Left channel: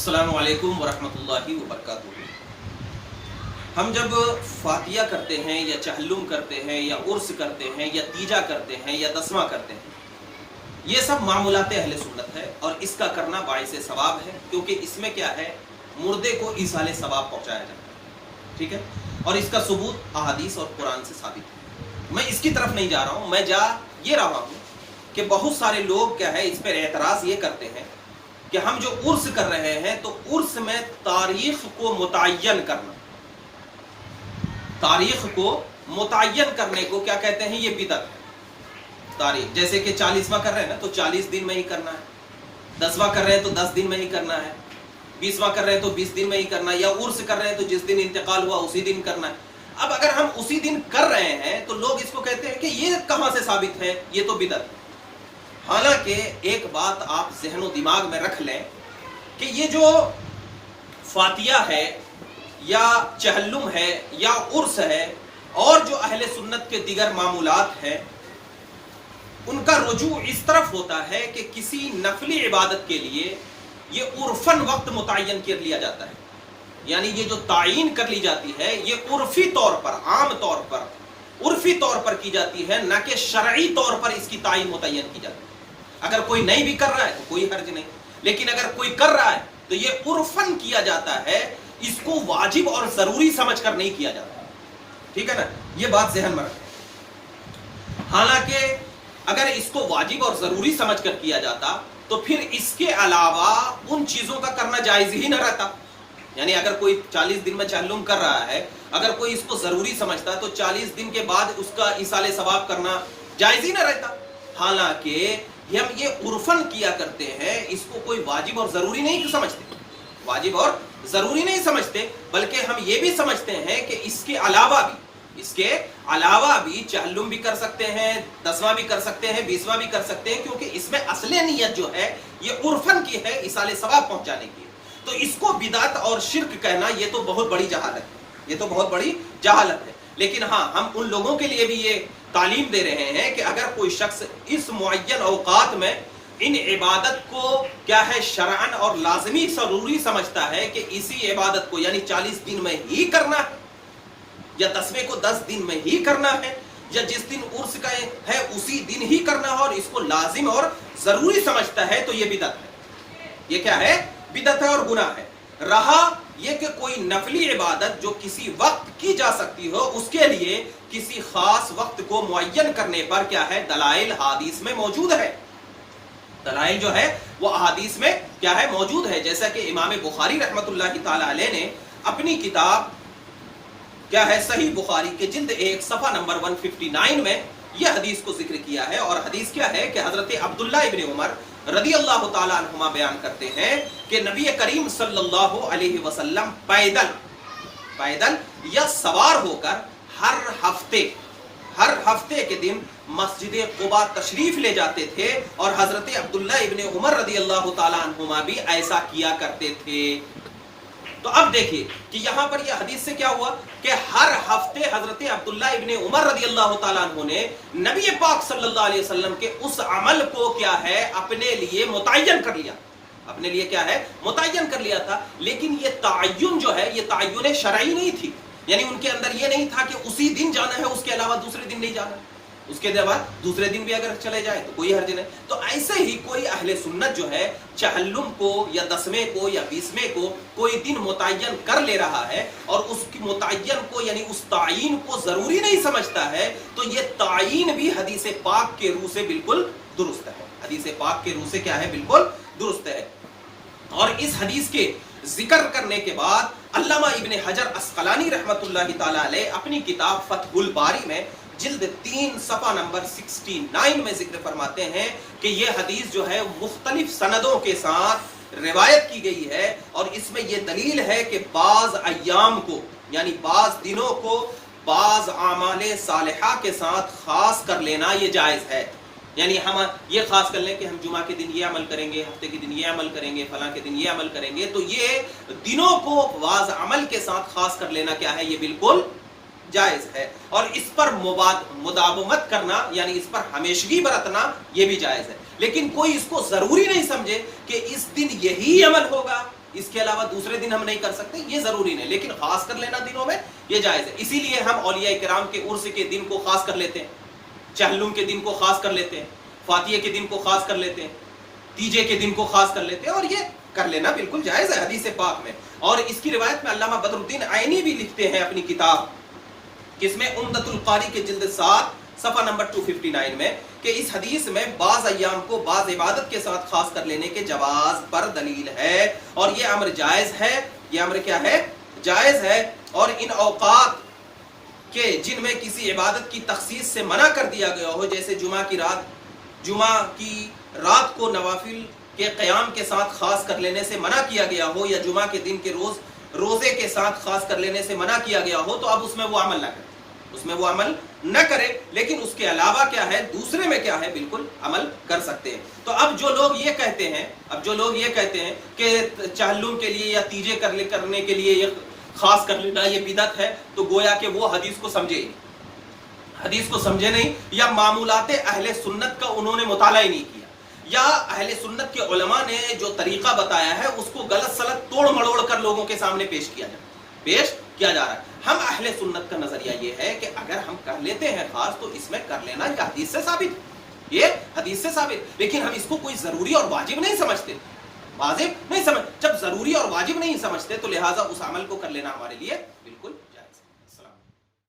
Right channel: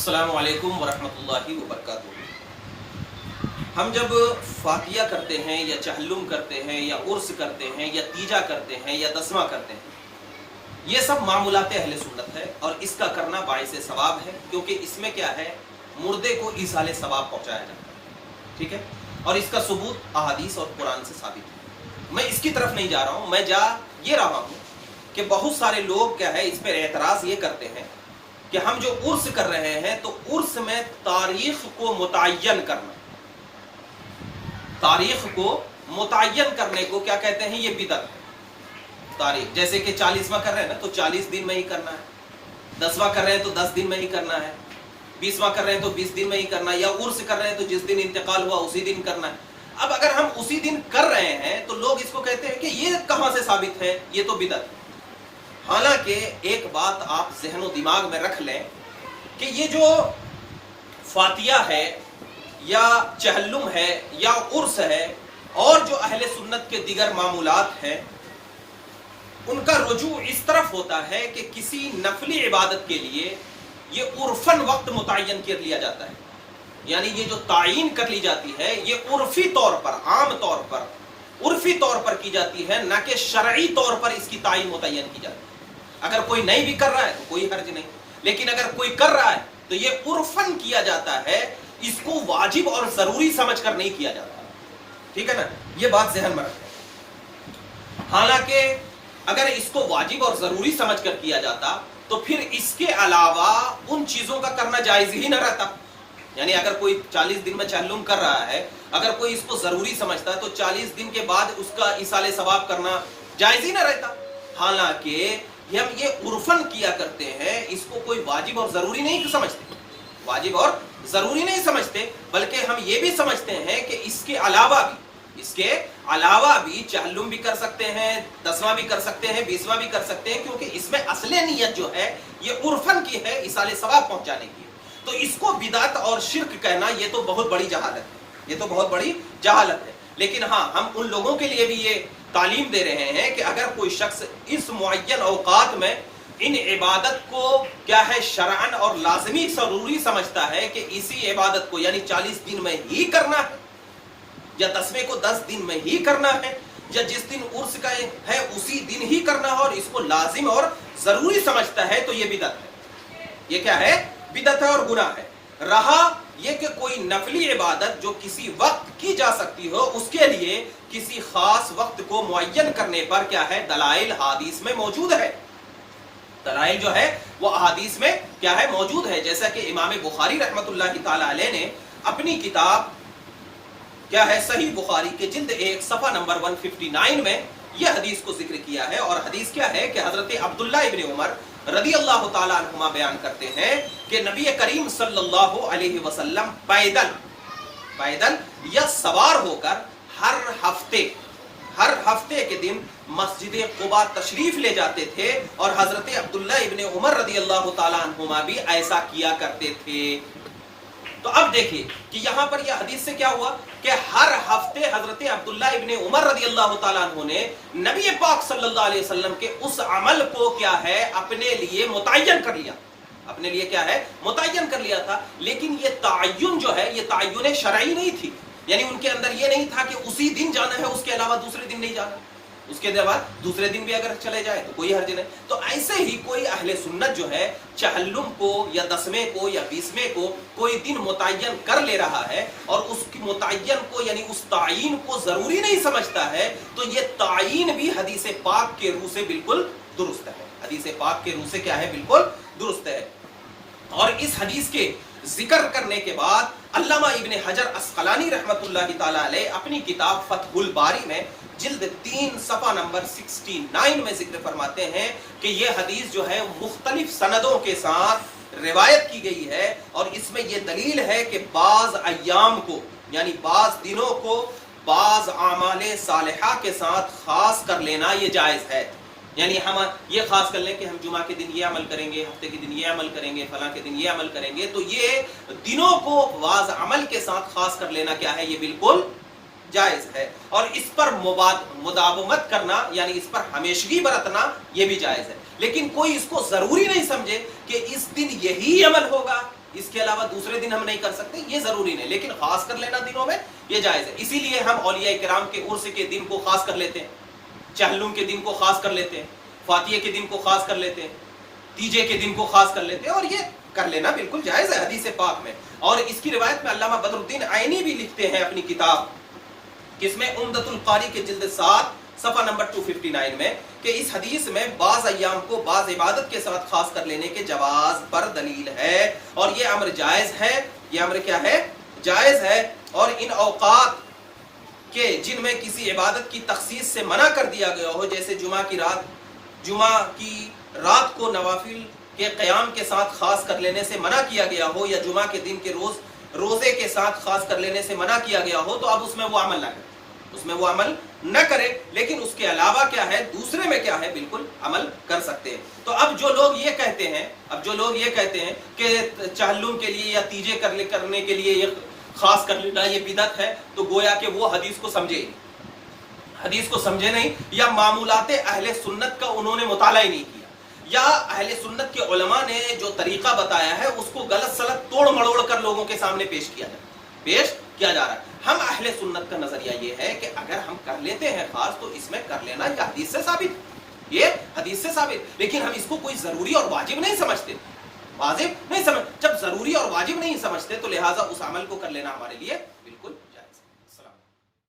अस्सलामु अलैकुम वरहमतुल्लाहि वबरकातुहू। हम जब फातिया करते हैं या चहल्लुम करते हैं या उर्स करते हैं या तीजा करते हैं या दसवां करते हैं, ये सब मामूलात अहले सुन्नत है और इसका करना बाइसे सवाब है, क्योंकि इसमें क्या है, मुर्दे को ईसाले सवाब पहुंचाया जाता है। ठीक है, और इसका सबूत अहादीस और कुरान से साबित है। मैं इसकी तरफ नहीं जा रहा हूं, मैं जा ये रहा हूं कि बहुत सारे लोग क्या है, इस पर एतराज ये करते हैं कि हम जो उर्स कर रहे हैं तो उर्स में तारीख को मुतय्यन करना, तारीख को मुतय्यन करने को क्या कहते हैं, ये बिदअत है। तारीख जैसे कि 40वां कर रहे हैं ना तो 40 दिन में ही करना है, 10वां कर रहे हैं तो 10 दिन में ही करना है, 20वां कर रहे हैं तो 20 दिन में ही करना है, या उर्स कर रहे हैं तो जिस दिन इंतकाल हुआ उसी दिन करना है। अब अगर हम उसी दिन कर रहे हैं तो लोग इसको कहते हैं कि ये कहां से साबित है, ये तो बिदअत है। हालांकि एक बात आप ज़हन और दिमाग में रख लें कि ये जो फातिया है या चहल्लुम है या उर्स है और जो अहले सुन्नत के दिगर मामूलात हैं, उनका रुजू इस तरफ होता है कि किसी नफली इबादत के लिए ये उर्फन वक्त मुतय्यन कर लिया जाता है, यानी ये जो तायीन कर ली जाती है ये उर्फी तौर पर, आम तौर पर, उर्फी तौर पर की जाती है, ना कि शरई तौर पर इसकी तायीन मुतय्यन की जाती है। अगर कोई नहीं भी कर रहा है तो कोई हर्ज नहीं, लेकिन अगर कोई कर रहा है तो ये उर्फन किया जाता है, इसको वाजिब और जरूरी समझकर नहीं किया जाता। ठीक है ना, ये बात ज़हन में रखें। हालांकि अगर इसको वाजिब और जरूरी समझकर किया जाता तो फिर इसके अलावा उन चीजों का करना जायज ही न रहता। यानी अगर कोई 40 दिन में चहल्लुम कर रहा है, अगर कोई इसको जरूरी समझता तो 40 दिन के बाद उसका इसाले सवाब करना जायज ही न रहता। हालांकि हम ये उर्फन किया करते हैं, इसको कोई वाजिब और जरूरी नहीं समझते, वाजिब और जरूरी नहीं समझते, बल्कि हम ये भी समझते हैं कि इसके अलावा भी चहल्लुम भी कर सकते हैं, 10वां भी कर सकते हैं, 20वां भी कर सकते हैं, क्योंकि इसमें असली नियत जो है ये उर्फन की है, इसाले सवाब पहुंचाने की। तो इसको बिदात और शिर्क कहना ये तो बहुत बड़ी जहालत है, ये तो बहुत बड़ी जहालत है। लेकिन हाँ, हम उन लोगों के लिए भी ये तालीम दे रहे हैं कि अगर कोई शख्स इस मुअय्यन औकात में इन इबादत को क्या है, शरअन और लाजमी जरूरी समझता है कि इसी इबादत को यानी 40 दिन में ही करना है, या 10वें को 10 दिन में ही करना है, या जिस दिन उर्स का है उसी दिन ही करना है, और इसको लाजिम और जरूरी समझता है, तो ये बिदअत है। ये क्या है, बिदअत है और गुनाह है। रहा ये कि कोई नफली इबादत जो किसी वक्त की जा सकती हो, उसके लिए किसी खास वक्त को मुअय्यन करने पर क्या है, दलाइल हादीस में मौजूद है। दलाइल जो है वो अहादीस में क्या है, मौजूद है। जैसा कि इमाम बुखारी रहमतुल्लाहि ताला अलैह ने अपनी किताब क्या है, सही बुखारी के जिल्द 1 सफा नंबर 159 में यह हदीस को जिक्र किया है। और हदीस क्या है कि हजरत अब्दुल्लाह इब्न उमर रदी अल्लाह ताला अन्हुमा बयान करते हैं कि नबी करीम सल्लल्लाहु अलैहि वसल्लम पैदल या सवार होकर हर हफ्ते के दिन मस्जिद कुबा तशरीफ ले जाते थे, और हजरत अब्दुल्लाह इब्न उमर रदी अल्लाह ताला अन्हुमा भी ऐसा किया करते थे। तो अब देखिए कि यहां पर यह हदीस से क्या हुआ कि हर हफ्ते हजरत अब्दुल्लाह इब्न उमर रदी अल्लाह ताला अन्हु ने नबी पाक सल्लल्लाहु अलैहि वसल्लम के उस अमल को क्या है, अपने लिए मुतय्यन कर लिया, अपने लिए क्या है, मुतय्यन कर लिया था। लेकिन ये ताय्युन जो है, ये ताय्युन शरई नहीं थी, यानी उनके अंदर ये नहीं था कि उसी दिन जाना है, उसके अलावा दूसरे दिन नहीं जाना, उसके बाद दूसरे दिन भी अगर चले जाए तो कोई हर्ज नहीं। तो ऐसे ही कोई अहले सुन्नत जो है चहल्लुम को या 10वें को या 20वें को कोई दिन मुतय्यन कर ले रहा है और उसकी मुतय्यन को यानी उस तायीन को जरूरी नहीं समझता है, तो ये तायीन भी हदीस पाक के रूह से बिल्कुल दुरुस्त है, हदीस पाक के रूह से क्या है, बिल्कुल दुरुस्त है। और इस हदीस के जिक्र करने के बाद अल्लामा इब्न हजर अस्कलानी रहमतुल्लाहि ताला अलैह अपनी किताब फतहुल बारी में जिल्द 3 सफा नंबर 69 में जिक्र फरमाते हैं कि यह हदीस जो है मुख्तलिफ सनदों के साथ रिवायत की गई है, और इसमें यह दलील है कि बाज अय्याम को यानी बाज दिनों को बाज आमाले सालिहा के साथ खास कर लेना ये जायज है। यानी हम ये खास कर लें कि हम जुमा के दिन ये अमल करेंगे, हफ्ते के दिन ये अमल करेंगे, फलां के दिन ये अमल करेंगे, तो ये दिनों को बाज अमल के साथ खास कर लेना क्या है, ये बिल्कुल जायज है। और इस पर मुदावमत करना यानी इस पर हमेशगी बरतना यह भी जायज है। लेकिन कोई इसको जरूरी नहीं समझे कि इस दिन यही अमल होगा, اس کے علاوہ دوسرے دن ہم نہیں کر سکتے، یہ ضروری نہیں، لیکن خاص کر لینا دنوں میں یہ جائز ہے. اسی لیے ہم اولیاء کرام کے عرس کے دن کو خاص کر لیتے ہیں، چہلم کے دن کو خاص کر لیتے ہیں، فاتحہ کے دن کو خاص کر لیتے ہیں، تیجے کے دن کو خاص کر لیتے ہیں، اور یہ کر لینا بالکل جائز ہے حدیث پاک میں. اور اس کی روایت میں علامہ بدر الدین عینی بھی لکھتے ہیں اپنی کتاب کس میں عمدۃ القاری کے جلد 7 صفحہ نمبر 259 میں کہ اس حدیث میں بعض ایام کو بعض عبادت کے ساتھ خاص کر لینے کے جواز پر دلیل ہے، اور یہ امر جائز ہے. یہ امر کیا ہے؟ جائز ہے. اور ان اوقات کہ جن میں کسی عبادت کی تخصیص سے منع کر دیا گیا ہو، جیسے جمعہ کی رات کو نوافل کے قیام کے ساتھ خاص کر لینے سے منع کیا گیا ہو، یا جمعہ کے دن کے روزے کے ساتھ خاص کر لینے سے منع کیا گیا ہو، تو اب اس میں وہ عمل نہ کرے، اس میں وہ عمل نہ کرے. لیکن اس کے علاوہ کیا ہے، دوسرے میں کیا ہے، بالکل عمل کر سکتے ہیں. تو اب جو لوگ یہ کہتے ہیں کہ چہلم کے لیے یا تیجے کرنے کے لیے یہ خاص کر لینا یہ بدعت ہے، تو گویا کہ وہ حدیث کو سمجھے نہیں، یا معمولات اہل سنت کا انہوں نے مطالعہ ہی نہیں کیا، یا اہل سنت کے علماء نے جو طریقہ بتایا ہے اس کو غلط سلط توڑ مڑوڑ کر لوگوں کے سامنے پیش کیا جا رہا ہے. ہم اہل سنت کا نظریہ یہ ہے کہ اگر ہم کر لیتے ہیں خاص تو اس میں کر لینا یہ حدیث سے ثابت، لیکن ہم اس کو کوئی ضروری اور واجب نہیں سمجھتے. جب ضروری اور واجب نہیں سمجھتے تو لہٰذا اس عمل کو کر لینا ہمارے لیے